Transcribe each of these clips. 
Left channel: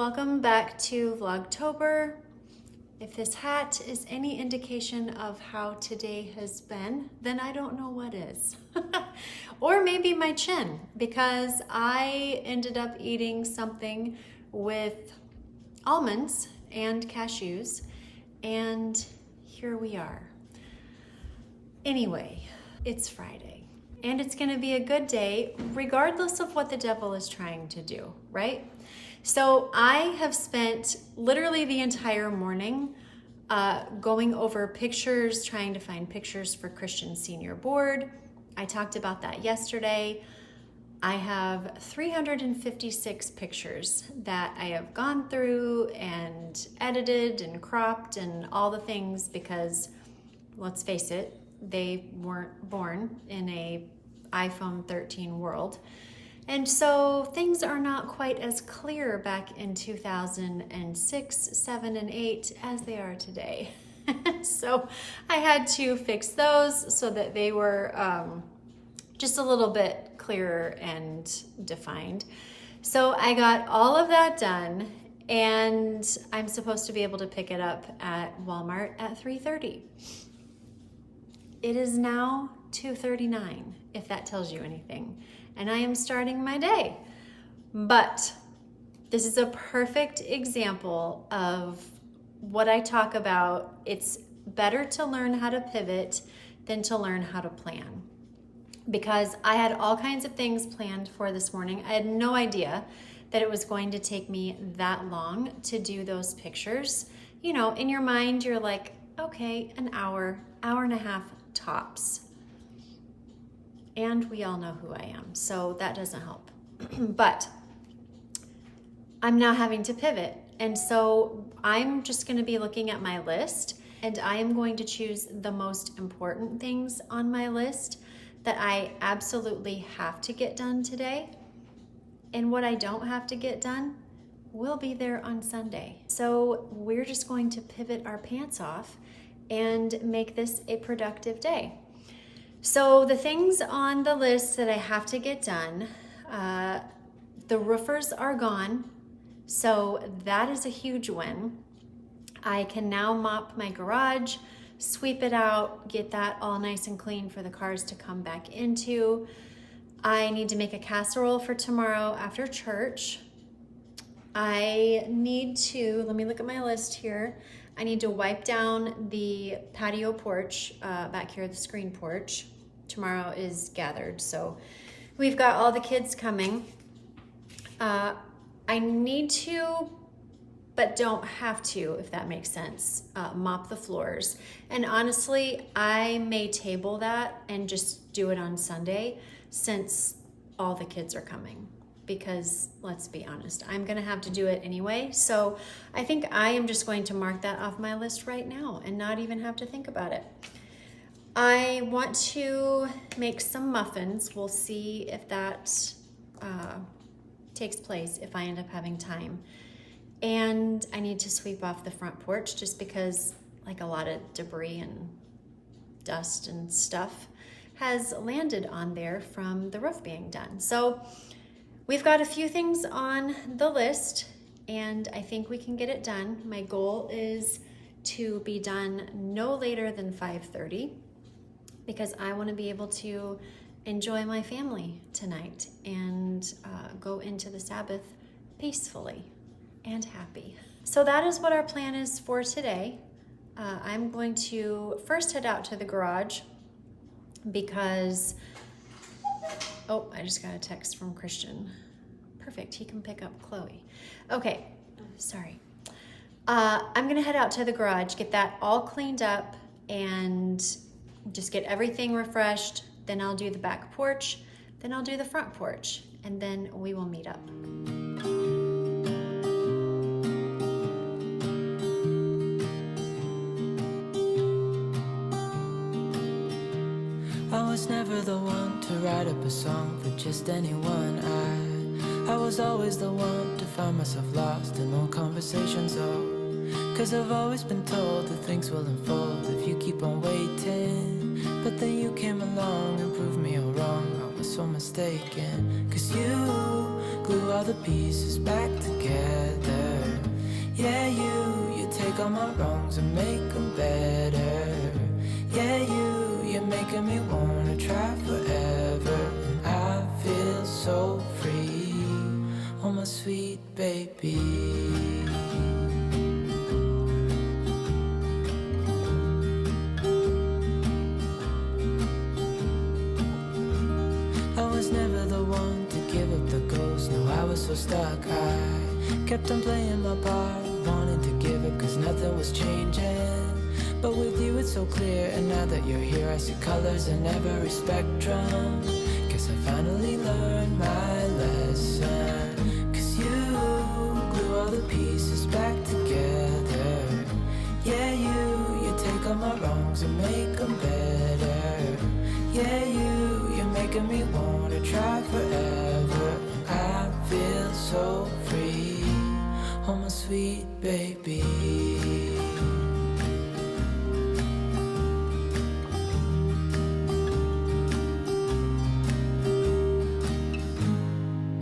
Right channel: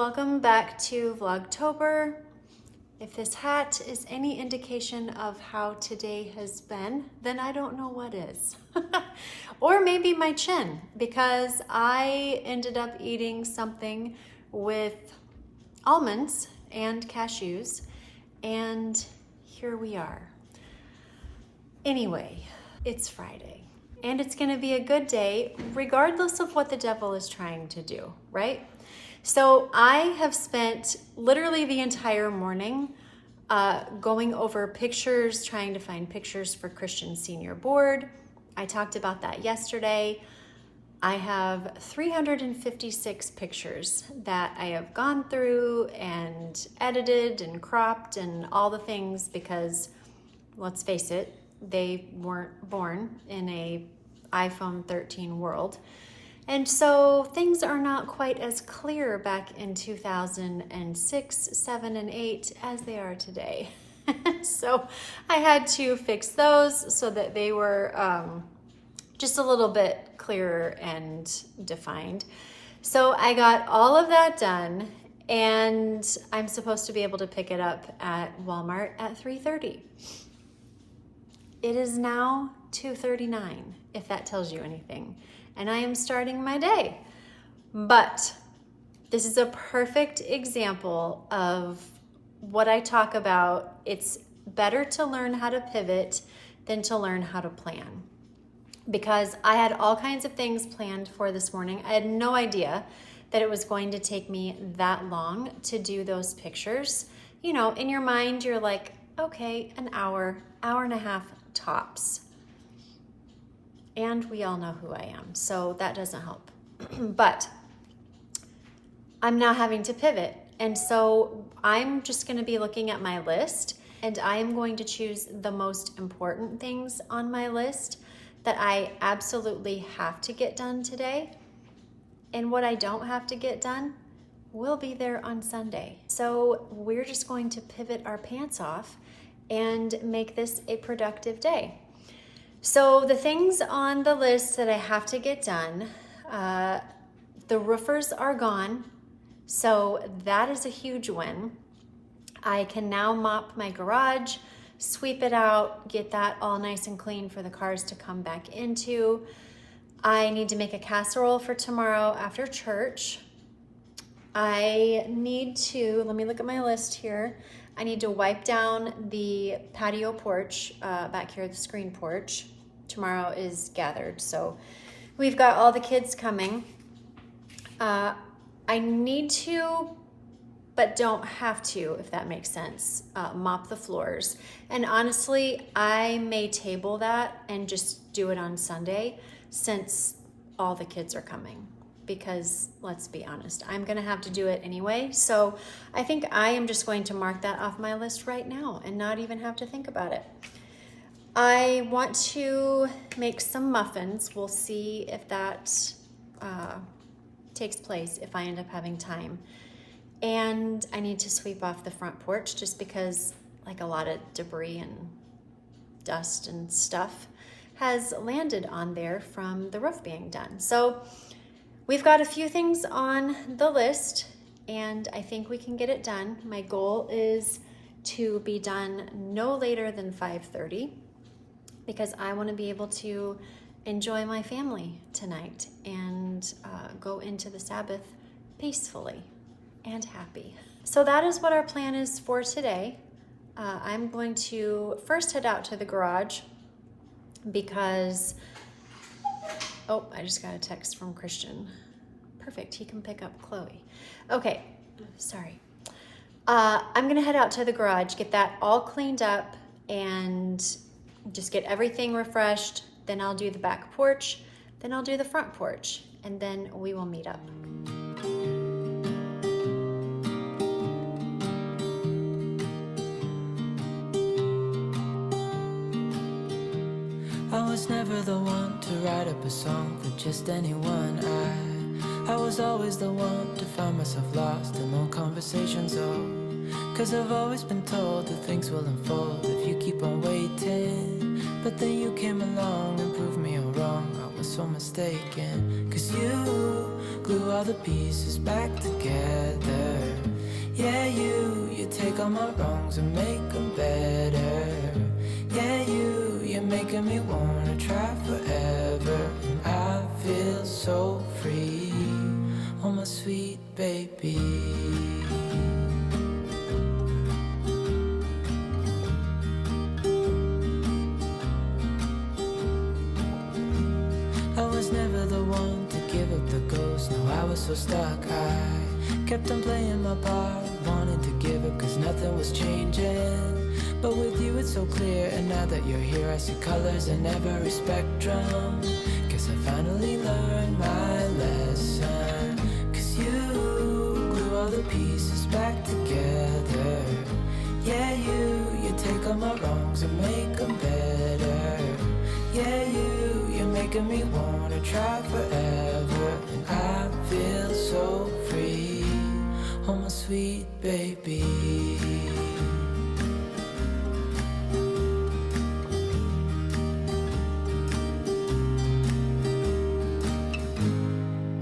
welcome back to Vlogtober. If this hat is any indication of how today has been, then I don't know what is. Or maybe my chin, because I ended up eating something with almonds and cashews, and here we are. Anyway, it's Friday, and it's gonna be a good day regardless of what the devil is trying to do, right? So I have spent literally the entire morning going over pictures, trying to find pictures for Christian Senior Board. I talked about that yesterday. I have 356 pictures that I have gone through and edited and cropped and all the things because, let's face it, they weren't born in a iPhone 13 world. And so things are not quite as clear back in 2006, 7, and 8 as they are today. So I had to fix those so that they were just a little bit clearer and defined. So I got all of that done, and I'm supposed to be able to pick it up at Walmart at 3:30. It is now 2:39, if that tells you anything. And I am starting my day. But this is a perfect example of what I talk about. It's better to learn how to pivot than to learn how to plan. Because I had all kinds of things planned for this morning. I had no idea that it was going to take me that long to do those pictures. You know, in your mind, you're like, okay, an hour and a half tops. And we all know who I am, so that doesn't help. But I'm now having to pivot. And so I'm just gonna be looking at my list, and I am going to choose the most important things on my list that I absolutely have to get done today. And what I don't have to get done will be there on Sunday. So we're just going to pivot our pants off and make this a productive day. So the things on the list that I have to get done, the roofers are gone, so that is a huge win. I can now mop my garage, sweep it out, get that all nice and clean for the cars to come back into. I need to make a casserole for tomorrow after church. I need to, let me look at my list here. I need to wipe down the patio porch back here, the screen porch. Tomorrow is gathered, so we've got all the kids coming. I need to, but don't have to, if that makes sense, mop the floors. And honestly, I may table that and just do it on Sunday since all the kids are coming. Because let's be honest, I'm gonna have to do it anyway. So I think I am just going to mark that off my list right now and not even have to think about it. I want to make some muffins. We'll see if that takes place, if I end up having time. And I need to sweep off the front porch just because like a lot of debris and dust and stuff has landed on there from the roof being done. So we've got a few things on the list, and I think we can get it done. My goal is to be done no later than 5:30 because I want to be able to enjoy my family tonight and go into the Sabbath peacefully and happy. So that is what our plan is for today. I'm going to first head out to the garage because oh, I just got a text from Christian. Perfect, he can pick up Chloe. Okay, sorry. I'm gonna head out to the garage, get that all cleaned up, and just get everything refreshed. Then I'll do the back porch, then I'll do the front porch, and then we will meet up. I was never the one to write up a song for just anyone. I was always the one to find myself lost in old conversations. Oh, 'cause I've always been told that things will unfold if you keep on waiting. But then you came along and proved me all wrong. I was so mistaken, 'cause you glue all the pieces back together. Yeah, you take all my wrongs and make them better. Yeah, you're making me wanna try forever. And I feel so free, oh my sweet baby. I was never the one to give up the ghost. No, I was so stuck. I kept on playing my part, wanting to give up cause nothing was changing. But with you it's so clear, and now that you're here I see colors in every spectrum. Guess I finally learned my lesson. Cause you glue all the pieces back together. Yeah, you take all my wrongs and make them better. Yeah, you're making me wanna try forever. And I feel so free, oh my sweet baby.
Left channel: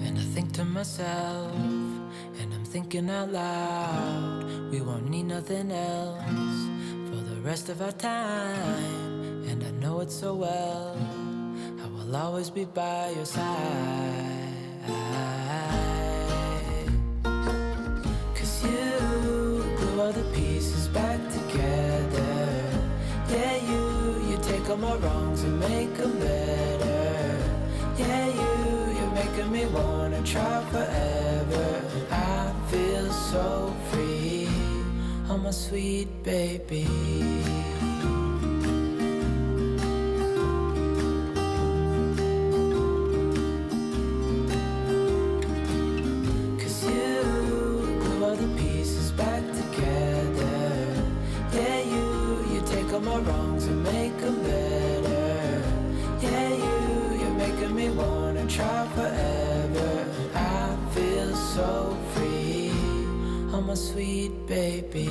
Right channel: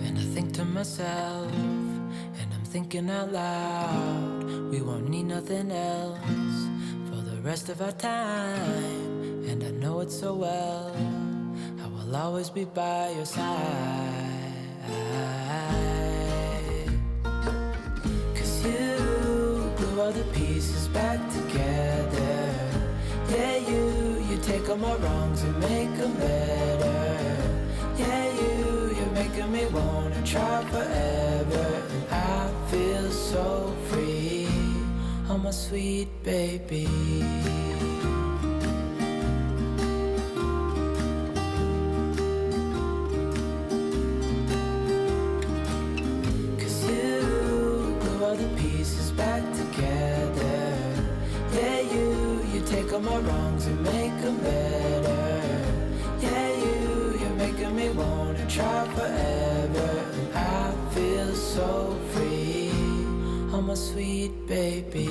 And I think to myself, and I'm thinking out loud, we won't need nothing else for the rest of our time. And I know it so well, I will always be by your side. Cause you glue all the pieces back together. Yeah, you take all my wrongs and make them better. Yeah, you're making me wanna try forever. And I feel so free, oh my sweet baby. Back together. Yeah, you take all my wrongs and make them better. Yeah, you're making me wanna try forever. And I feel so free, oh my sweet baby.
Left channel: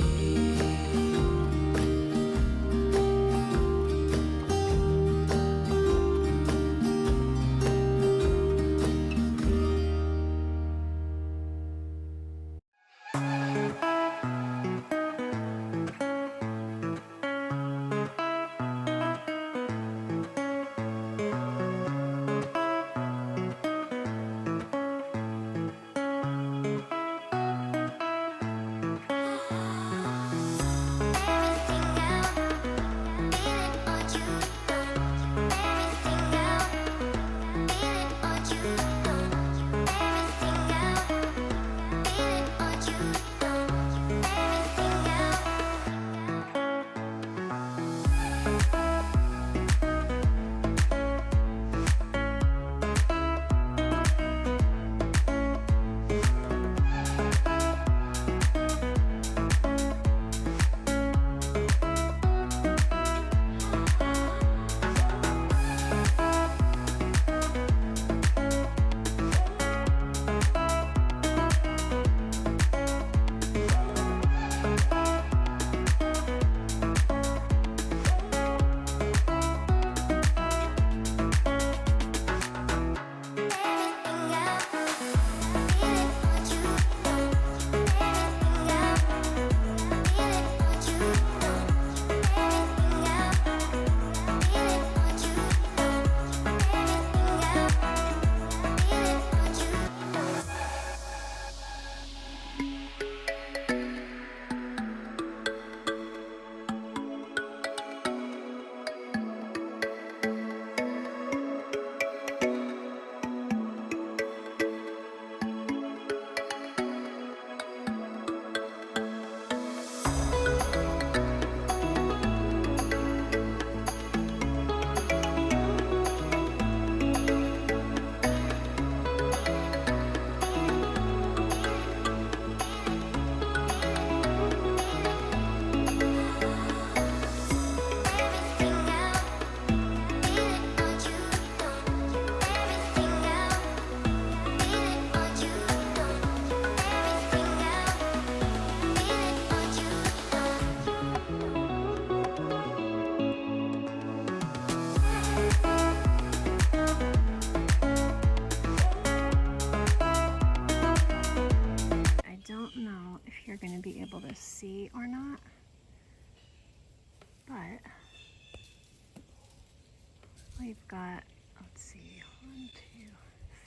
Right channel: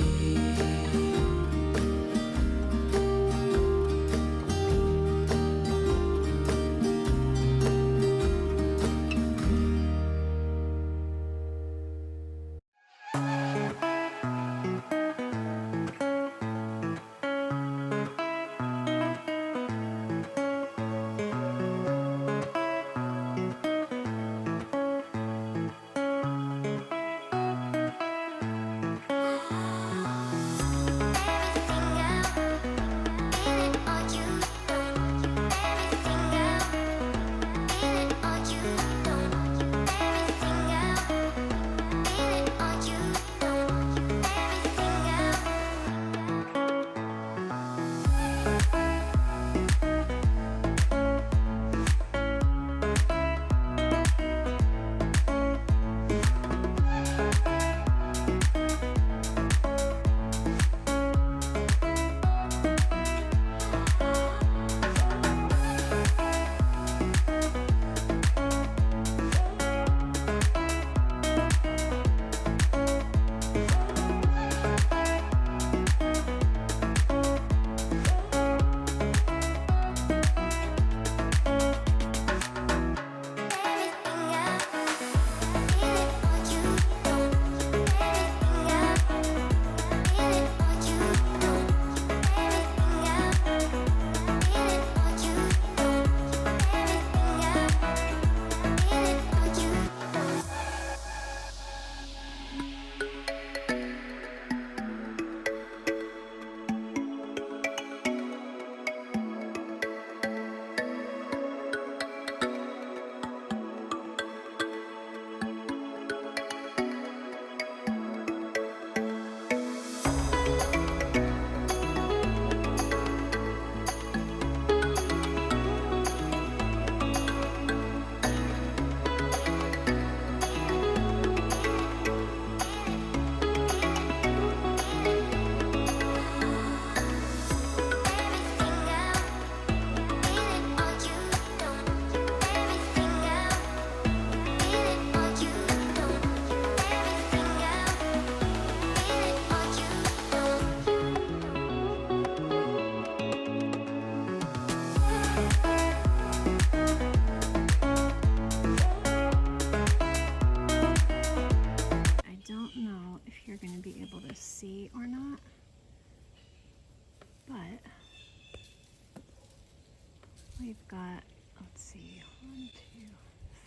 we've got, let's see, 1, 2,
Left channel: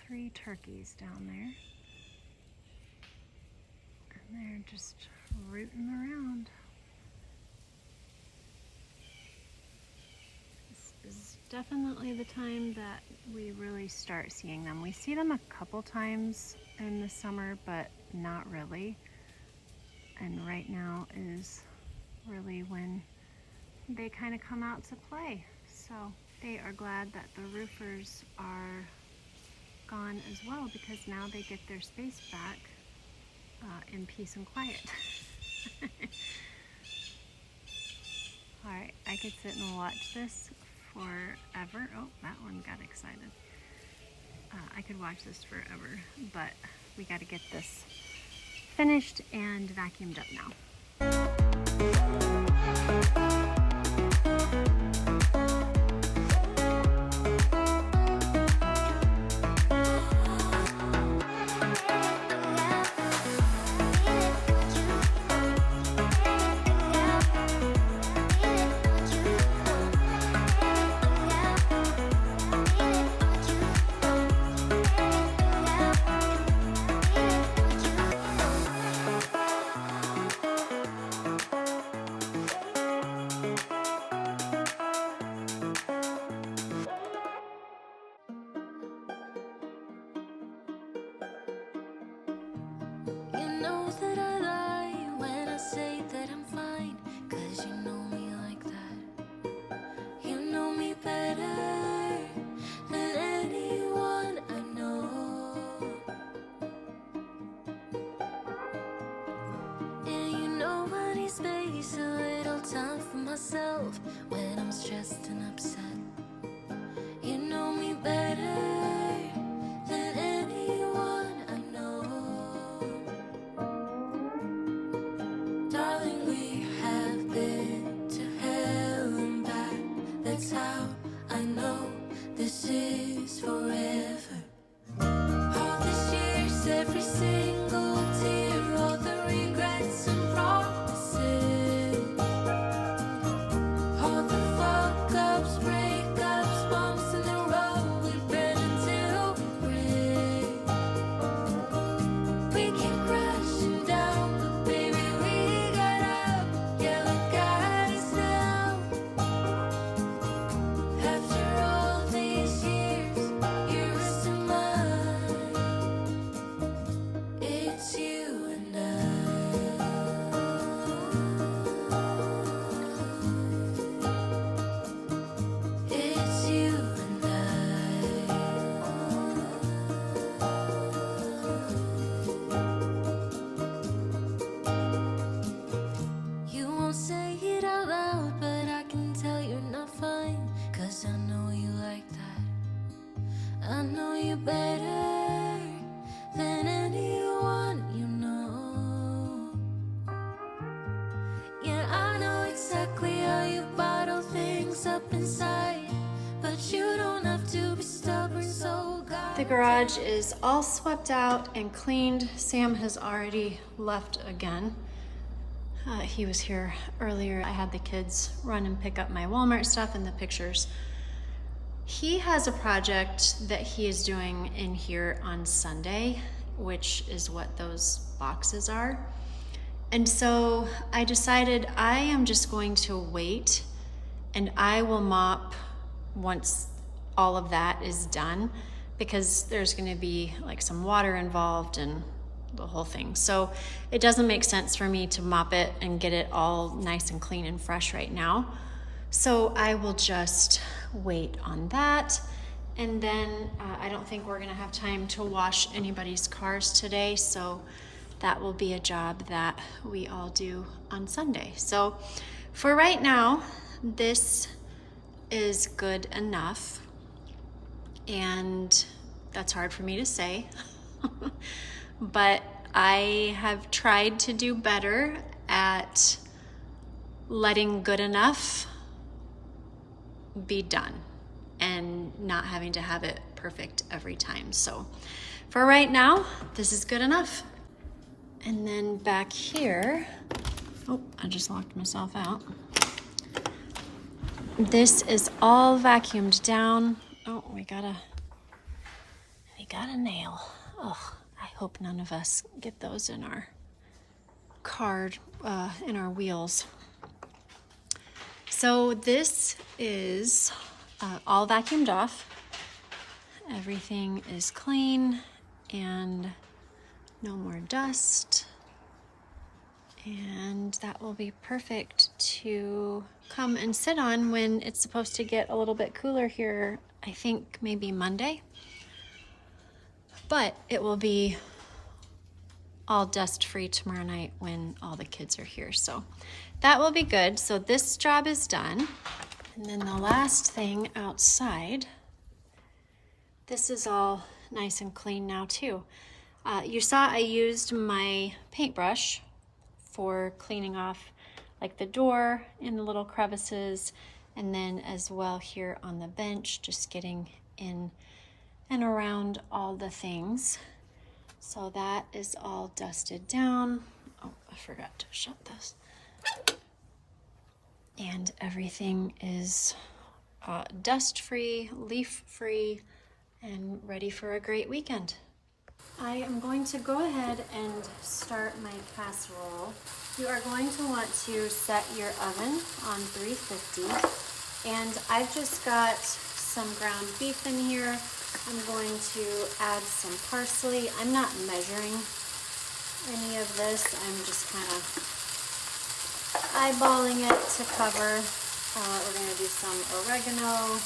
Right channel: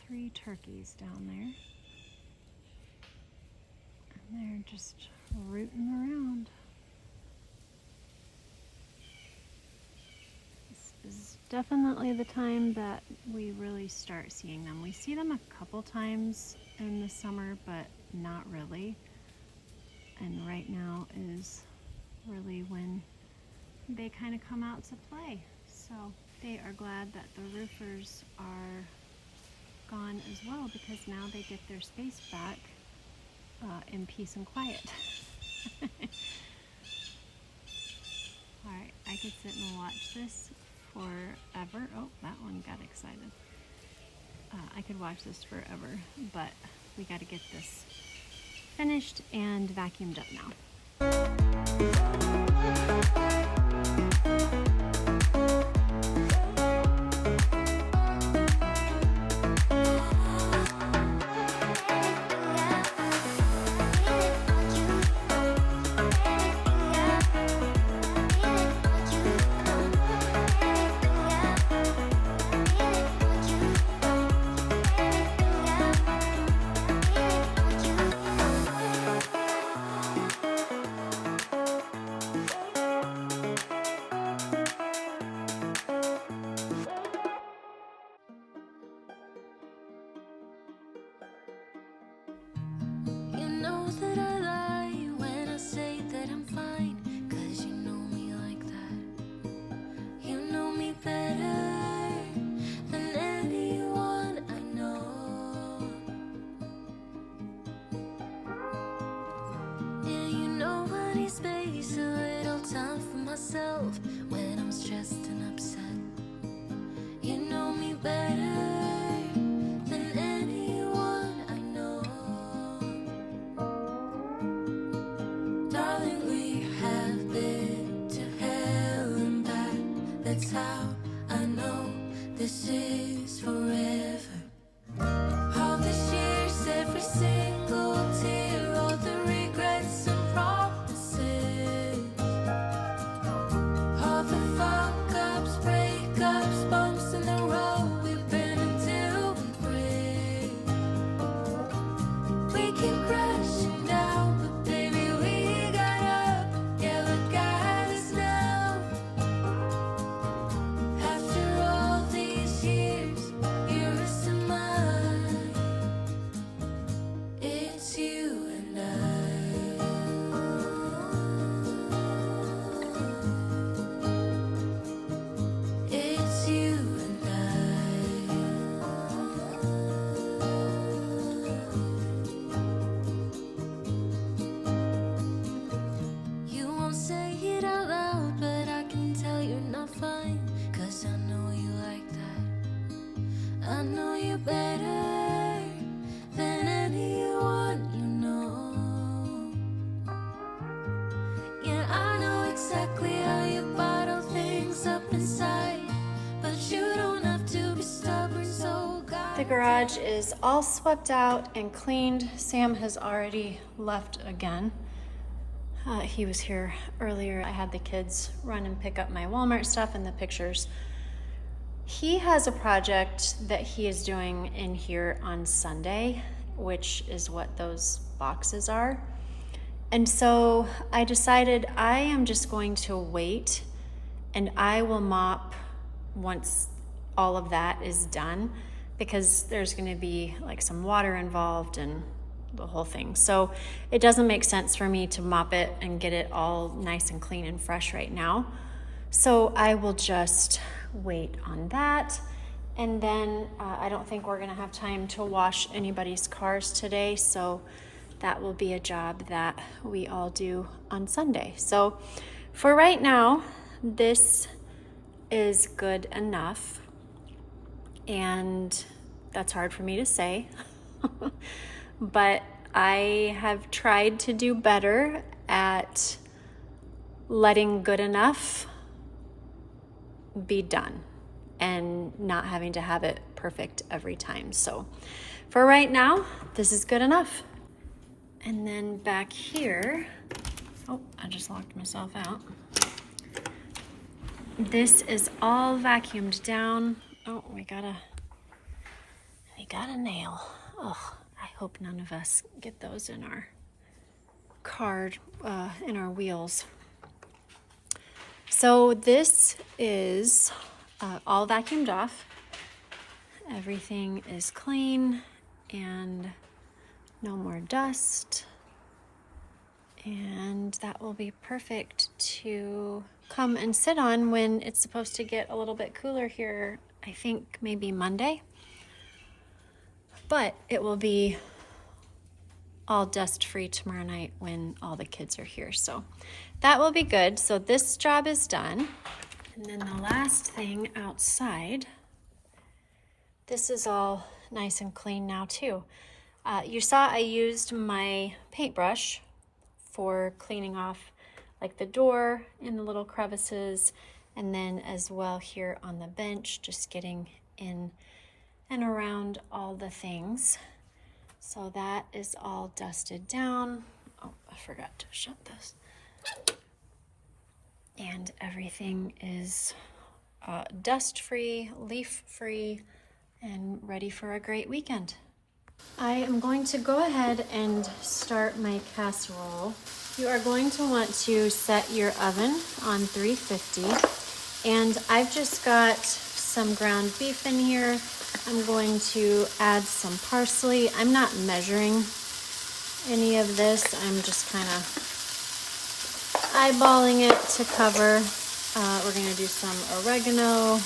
3 turkeys down there. And they're just rooting around. This is definitely the time that we really start seeing them. We see them a couple times in the summer, but not really. And right now is really when they kind of come out to play. So they are glad that the roofers are gone as well, because now they get their space back in peace and quiet. Alright, I could sit and watch this forever. Oh, that one got excited. I could watch this forever, but we got to get this finished and vacuumed up now. That I lie when I say that I'm fine, 'cause you know me like that. You know me better than anyone I know. Yeah, you know I need space, a little time for myself when I'm stressed and upset. You know me better than anyone I know. Darling, we have been to hell and back. That's how I know this is forever. All these years, every single tear, all the regrets and promises, all the fuck-ups, breakups, bumps in the road, we've been until we break. We keep crashing down, but baby, we got up. Yeah, look at us now. After all these years, yours and mine, it's you and I. It's you and I. You won't say it out loud, but I can tell you're not fine, 'cause I know you like that. I know you better than anyone you know. Yeah, I know exactly how you bottle things up inside, but you don't have to be stubborn, so God. The garage is all swept out and cleaned. Sam has already left again. He was here earlier. I had the kids run and pick up my Walmart stuff and the pictures. He has a project that he is doing in here on Sunday, which is what those boxes are. And so I decided I am just going to wait, and I will mop once all of that is done, because there's going to be like some water involved and the whole thing. So it doesn't make sense for me to mop it and get it all nice and clean and fresh right now. So I will just wait on that. And then I don't think we're gonna have time to wash anybody's cars today. So that will be a job that we all do on Sunday. So for right now, this is good enough. And that's hard for me to say. But I have tried to do better at letting good enough be done and not having to have it perfect every time. So for right now, this is good enough. And then back here, oh, I just locked myself out. This is all vacuumed down. Oh, we got a nail. Oh, I hope none of us get those in our car, in our wheels. So this is all vacuumed off. Everything is clean and no more dust. And that will be perfect to come and sit on when it's supposed to get a little bit cooler here, I think maybe Monday. But it will be all dust free tomorrow night when all the kids are here. So that will be good. So this job is done. And then the last thing outside, this is all nice and clean now too. You saw I used my paintbrush for cleaning off like the door and the little crevices, and then as well here on the bench, just getting in and around all the things. So that is all dusted down. Oh, I forgot to shut this. And everything is dust-free, leaf-free, and ready for a great weekend. I am going to go ahead and start my casserole. You are going to want to set your oven on 350. And I've just got some ground beef in here. I'm going to add some parsley. I'm not measuring any of this. I'm just kind of eyeballing it to cover. We're going to do some oregano.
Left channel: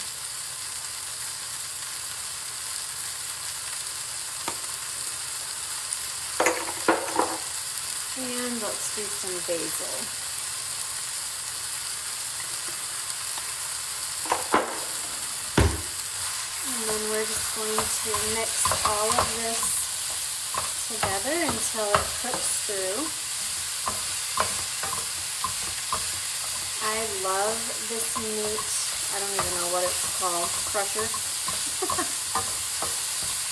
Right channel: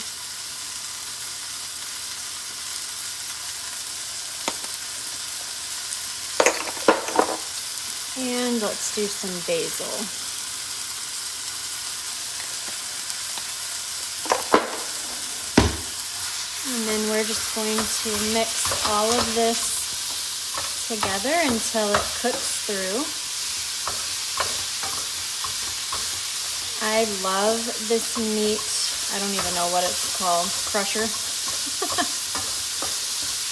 And let's do some basil. And then we're just going to mix all of this together until it cooks through. I love this meat. I don't even know what it's called. Crusher.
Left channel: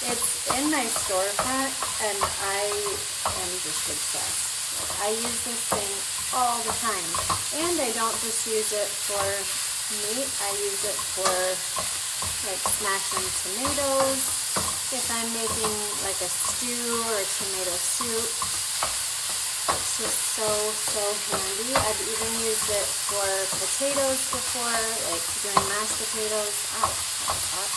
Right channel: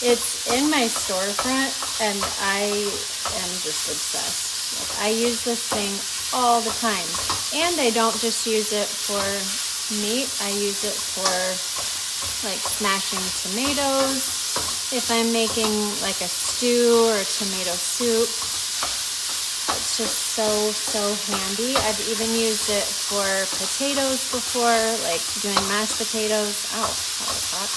It's in my storefront and I am just obsessed. I use this thing all the time. And I don't just use it for meat. I use it for like smashing tomatoes. If I'm making like a stew or tomato soup, it's just so handy. I've even used it for potatoes before, like doing mashed potatoes. Oh, that was hot.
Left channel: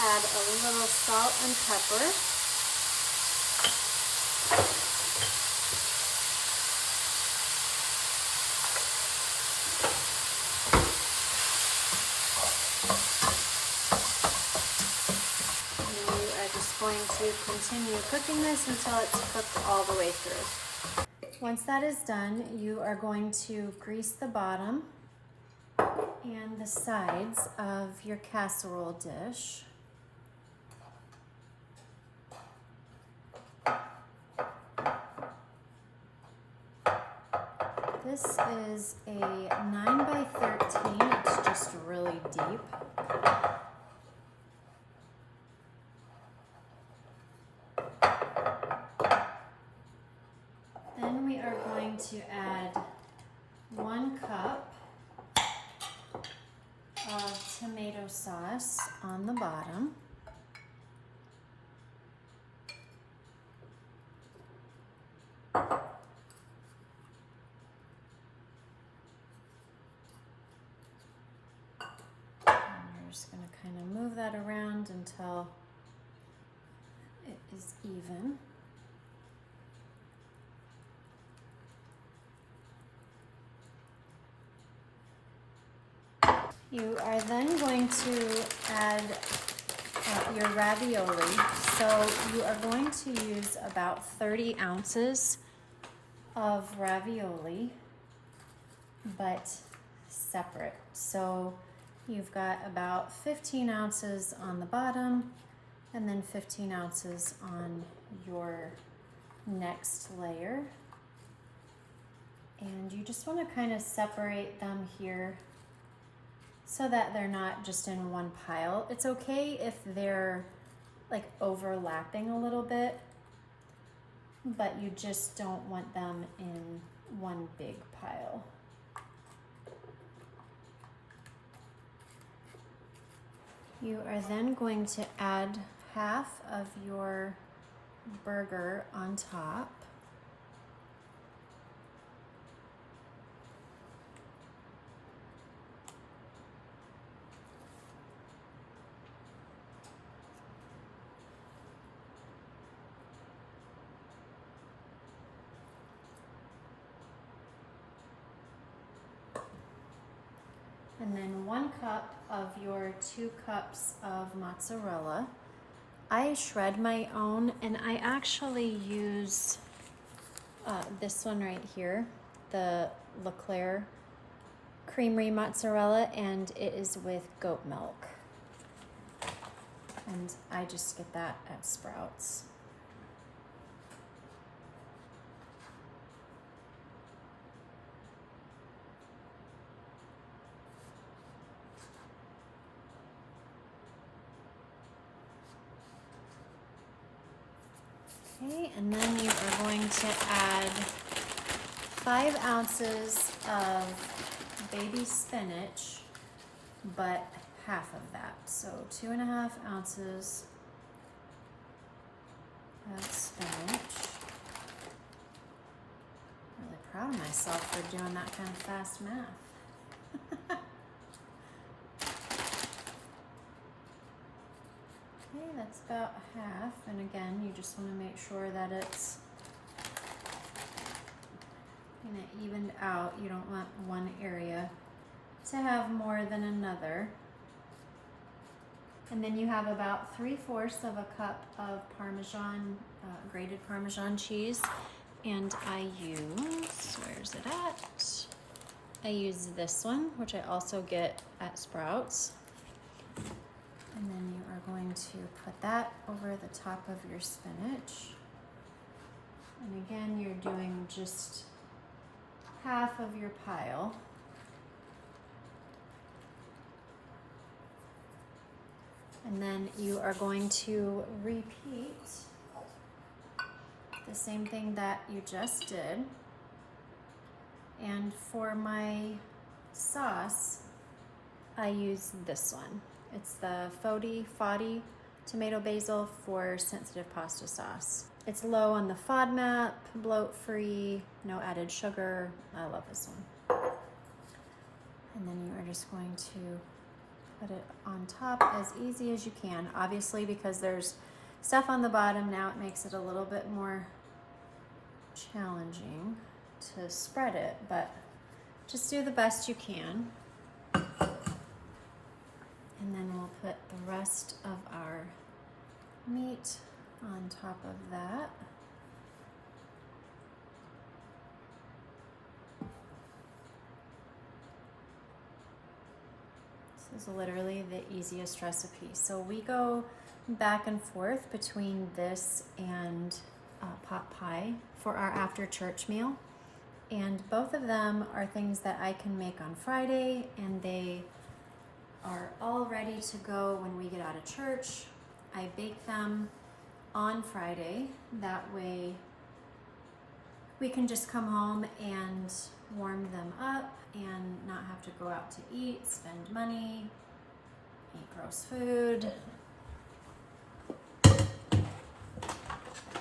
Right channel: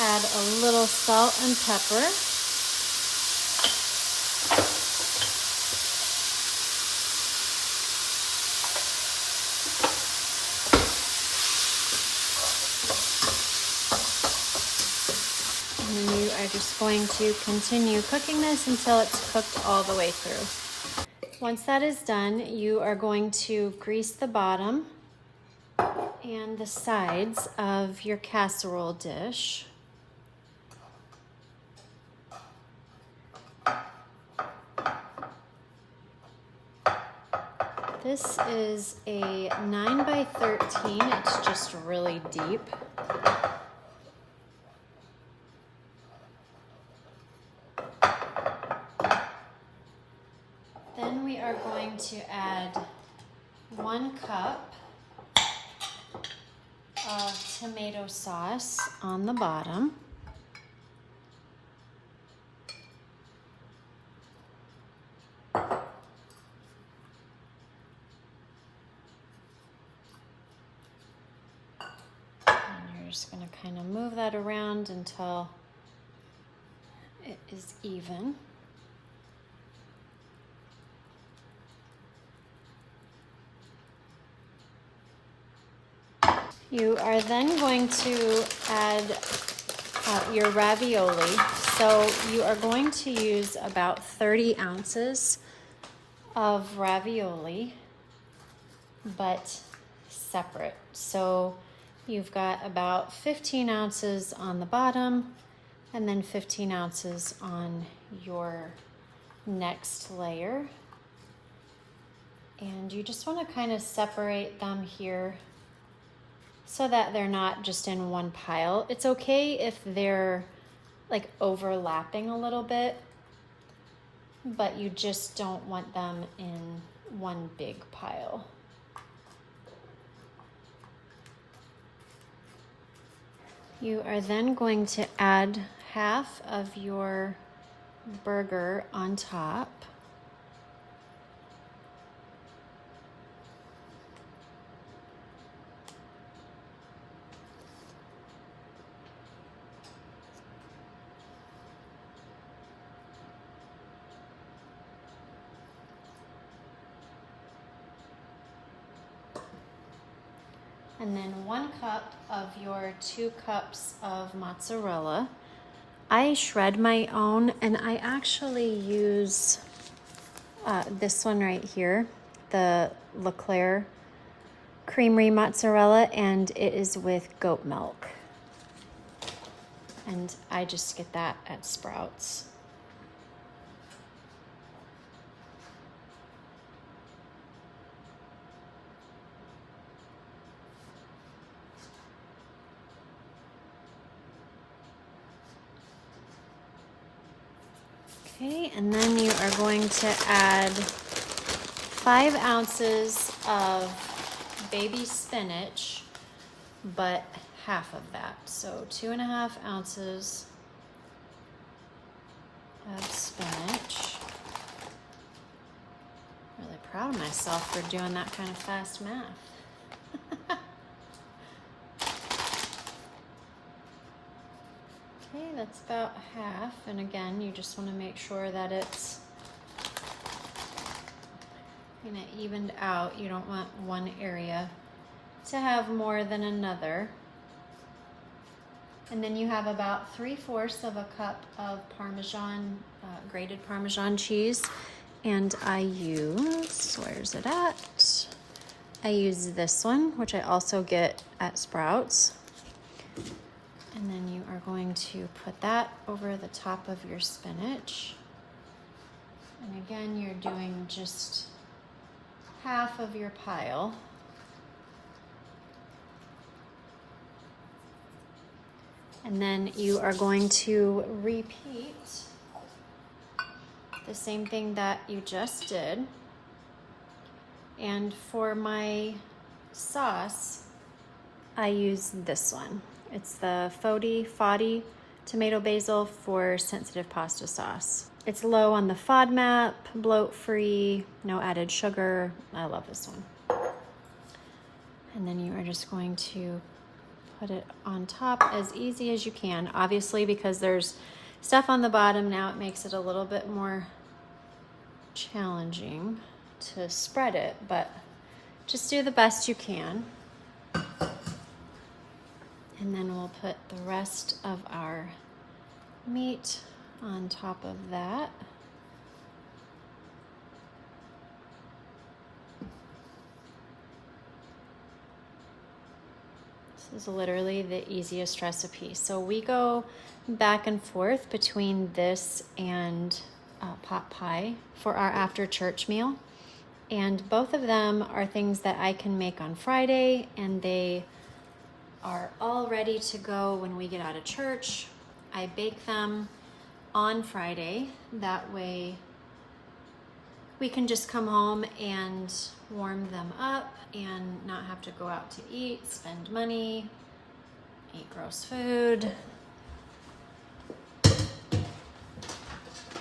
Add a little salt and pepper. And then you are just going to continue cooking this until it's cooked all the way through. Once that is done, you are going to grease the bottom and the sides of your casserole dish. This is a 9 by 13. It's just really deep. Then we are going to add 1 cup of tomato sauce on the bottom. Just going to kind of move that around until it is even. You are then going to add your ravioli. So you are going to use about 30 ounces of ravioli, but separate. So you've got about 15 ounces on the bottom and then 15 ounces on your next layer. And you just want to kind of separate them here so that they're not just in one pile. It's okay if they're like overlapping a little bit, but you just don't want them in one big pile. You are then going to add half of your burger on top. And then 1 cup of your 2 cups of mozzarella. I shred my own, and I actually use this one right here, the Leclerc Creamery mozzarella, and it is with goat milk. And I just get that at Sprouts. Okay, and then you are going to add 5 ounces of baby spinach, but half of that. So 2.5 ounces of spinach. I'm really proud of myself for doing that kind of fast math. Okay, that's about half, and again, you just want to make sure that it's evened out. You don't want one area to have more than another. And then you have about 3/4 of a cup of Parmesan, grated Parmesan cheese, and I use, where's it at? I use this one, which I also get at Sprouts. And then you are going to put that over the top of your spinach. And again, you're doing just half of your pile. And then you are going to repeat the same thing that you just did. And for my sauce, I use this one. It's the Fodi tomato basil for sensitive pasta sauce. It's low on the FODMAP, bloat-free, no added sugar. I love this one. And then you are just going to put it on top as easy as you can. Obviously, because there's stuff on the bottom now, it makes it a little bit more challenging to spread it, but just do the best you can. And then we'll put the rest of our meat on top of that. This is literally the easiest recipe. So we go back and forth between this and pot pie for our after church meal. And both of them are things that I can make on Friday, and they are all ready to go when we get out of church. I bake them on Friday. That way we can just come home and warm them up and not have to go out to eat, spend money, eat gross food,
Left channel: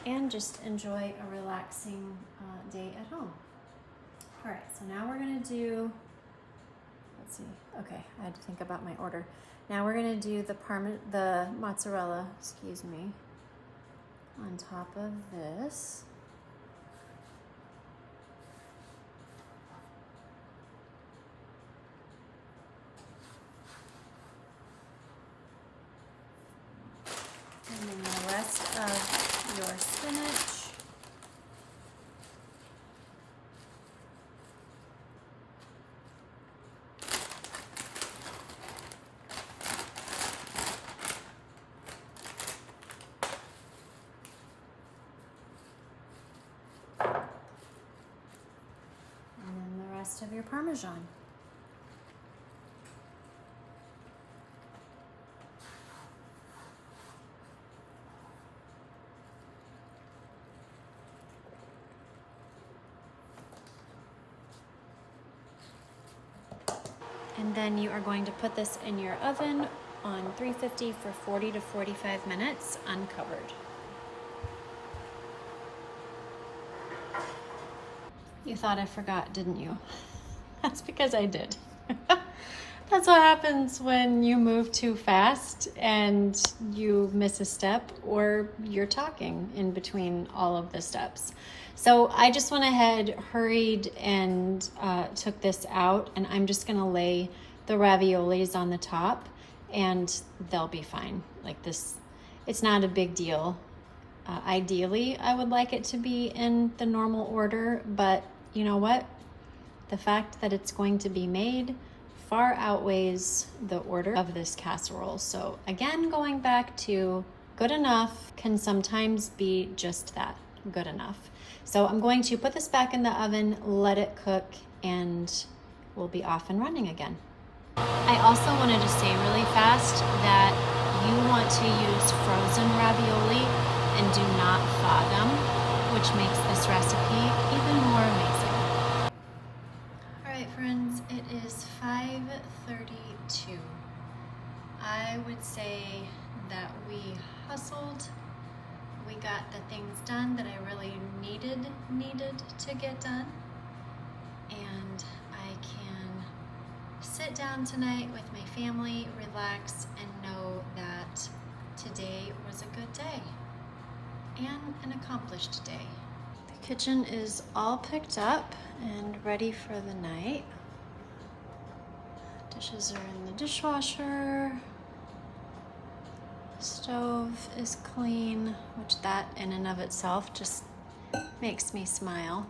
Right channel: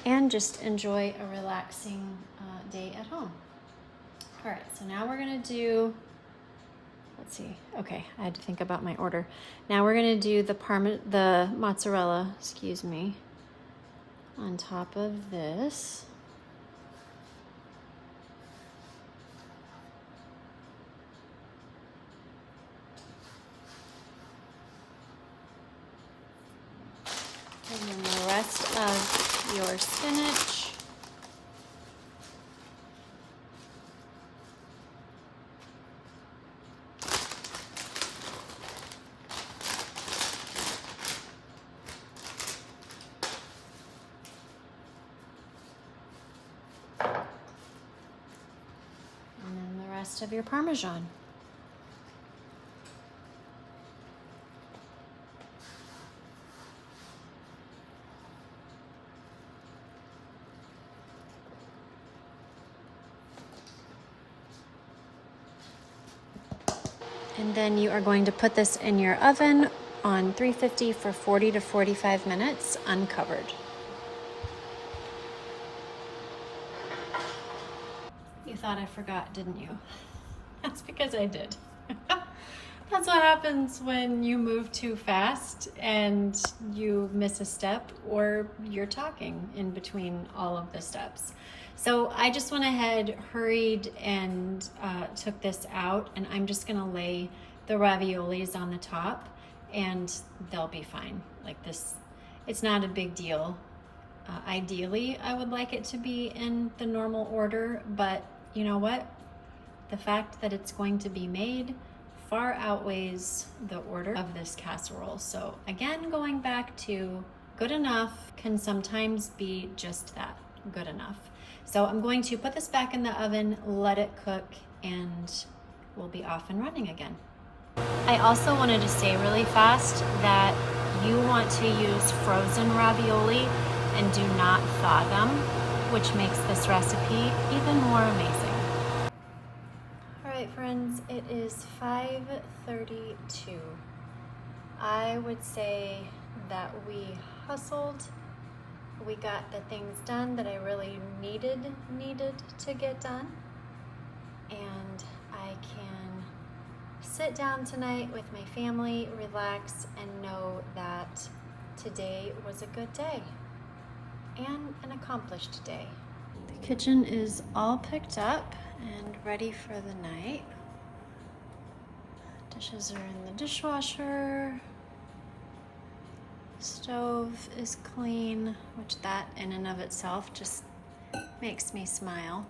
and just enjoy a relaxing day at home. All right, so now we're gonna do, let's see, okay, I had to think about my order. Now we're gonna do the mozzarella, excuse me, on top of this. And then the rest of your spinach. And then the rest of your Parmesan. And then you are going to put this in your oven on 350 for 40 to 45 minutes uncovered. You thought I forgot, didn't you? That's because I did. That's what happens when you move too fast and you miss a step or you're talking in between all of the steps. So I just went ahead, hurried, and took this out, and I'm just gonna lay the raviolis on the top and they'll be fine. Like this, it's not a big deal. Ideally, I would like it to be in the normal order, but you know what? The fact that it's going to be made far outweighs the order of this casserole. So again, going back to good enough can sometimes be just that, good enough. So I'm going to put this back in the oven, let it cook, and we'll be off and running again. I also wanted to say really fast that you want to use frozen ravioli and do not thaw them, which makes this recipe even more amazing. All right, friends, it is 5:32. I would say that we hustled. We got the things done that I really needed to get done. And I can sit down tonight with my family, relax, and know that today was a good day and an accomplished day. The kitchen is all picked up and ready for the night. Dishes are in the dishwasher. Stove is clean, which that in and of itself just makes me smile.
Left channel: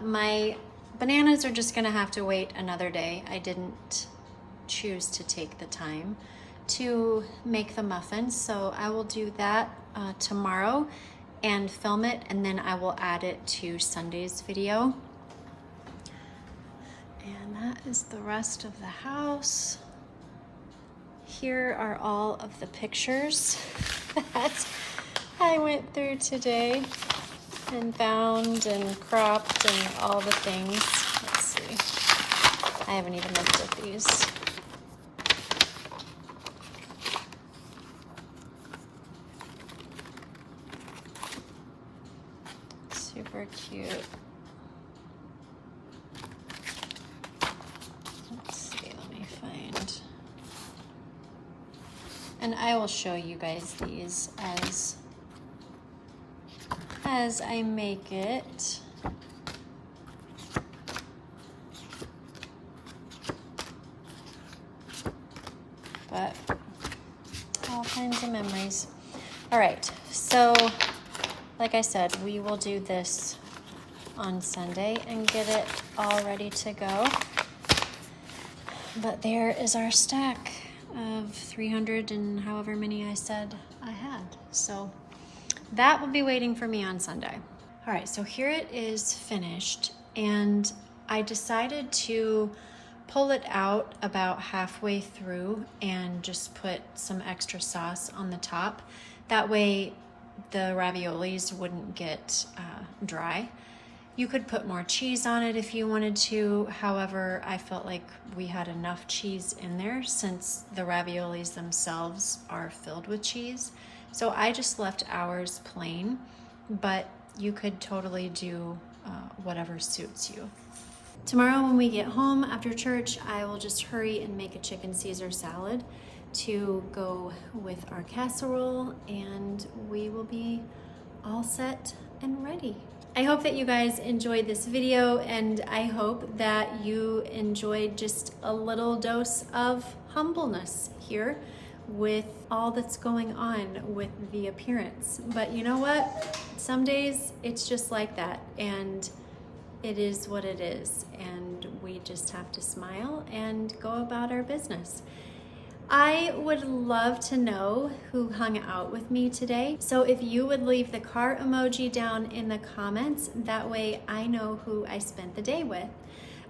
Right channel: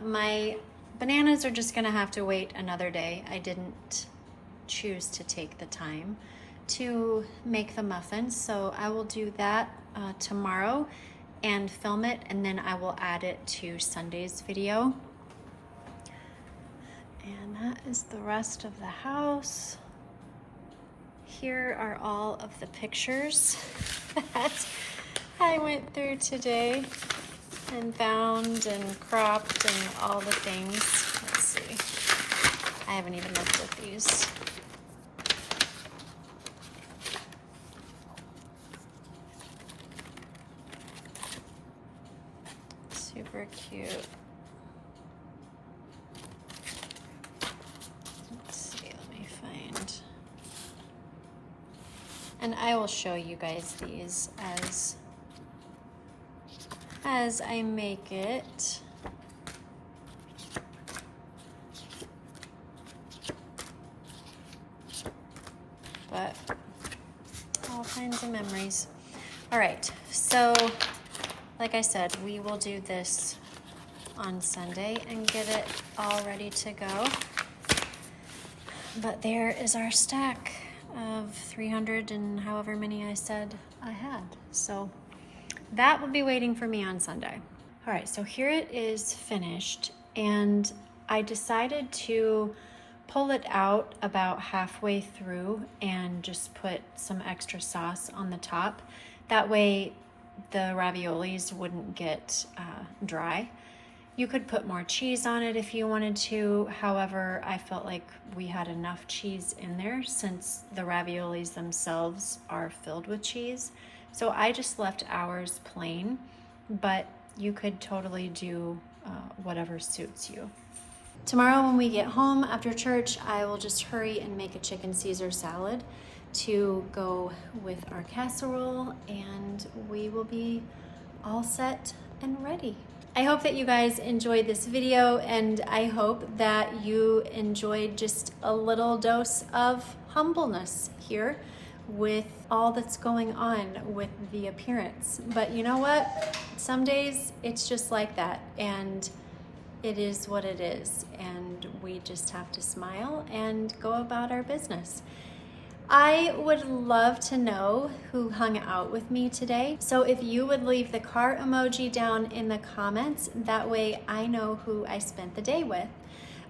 My bananas are just gonna have to wait another day. I didn't choose to take the time to make the muffins, so I will do that tomorrow and film it, and then I will add it to Sunday's video. And that is the rest of the house. Here are all of the pictures that I went through today and bound and cropped and all the things. Let's see. I haven't even looked at these. Super cute. Let's see, let me find. And I will show you guys these as I make it. But all kinds of memories. All right, so like I said, we will do this on Sunday and get it all ready to go. But there is our stack of 300 and however many I said I had. So that will be waiting for me on Sunday. All right, so here it is finished, and I decided to pull it out about halfway through and just put some extra sauce on the top. That way the raviolis wouldn't get dry. You could put more cheese on it if you wanted to. However, I felt like we had enough cheese in there since the raviolis themselves are filled with cheese. So I just left ours plain, but you could totally do whatever suits you. Tomorrow when we get home after church, I will just hurry and make a chicken Caesar salad to go with our casserole, and we will be all set and ready. I hope that you guys enjoyed this video, and I hope that you enjoyed just a little dose of humbleness here with all that's going on with the appearance. But you know what? Some days it's just like that, and it is what it is, and we just have to smile and go about our business. I would love to know who hung out with me today. So if you would leave the car emoji down in the comments, that way I know who I spent the day with.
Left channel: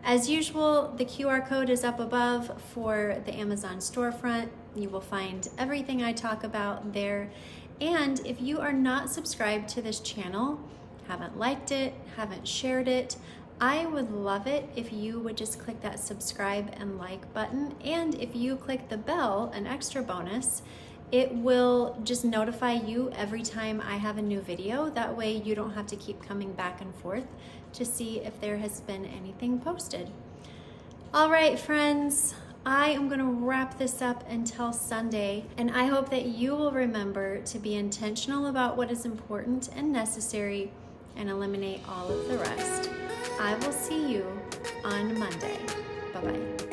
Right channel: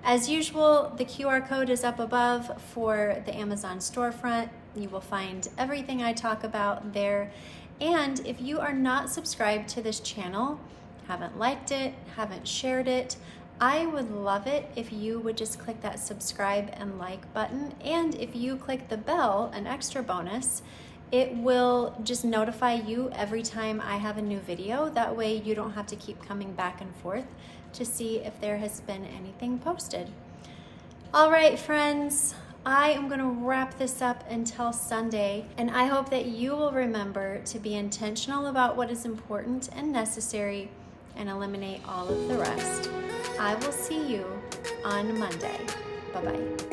As usual, the QR code is up above for the Amazon storefront. You will find everything I talk about there. And if you are not subscribed to this channel, haven't liked it, haven't shared it, I would love it if you would just click that subscribe and like button. And if you click the bell, an extra bonus, it will just notify you every time I have a new video. That way you don't have to keep coming back and forth to see if there has been anything posted. All right, friends, I am gonna wrap this up until Sunday, and I hope that you will remember to be intentional about what is important and necessary and eliminate all of the rest. I will see you on Monday. Bye-bye.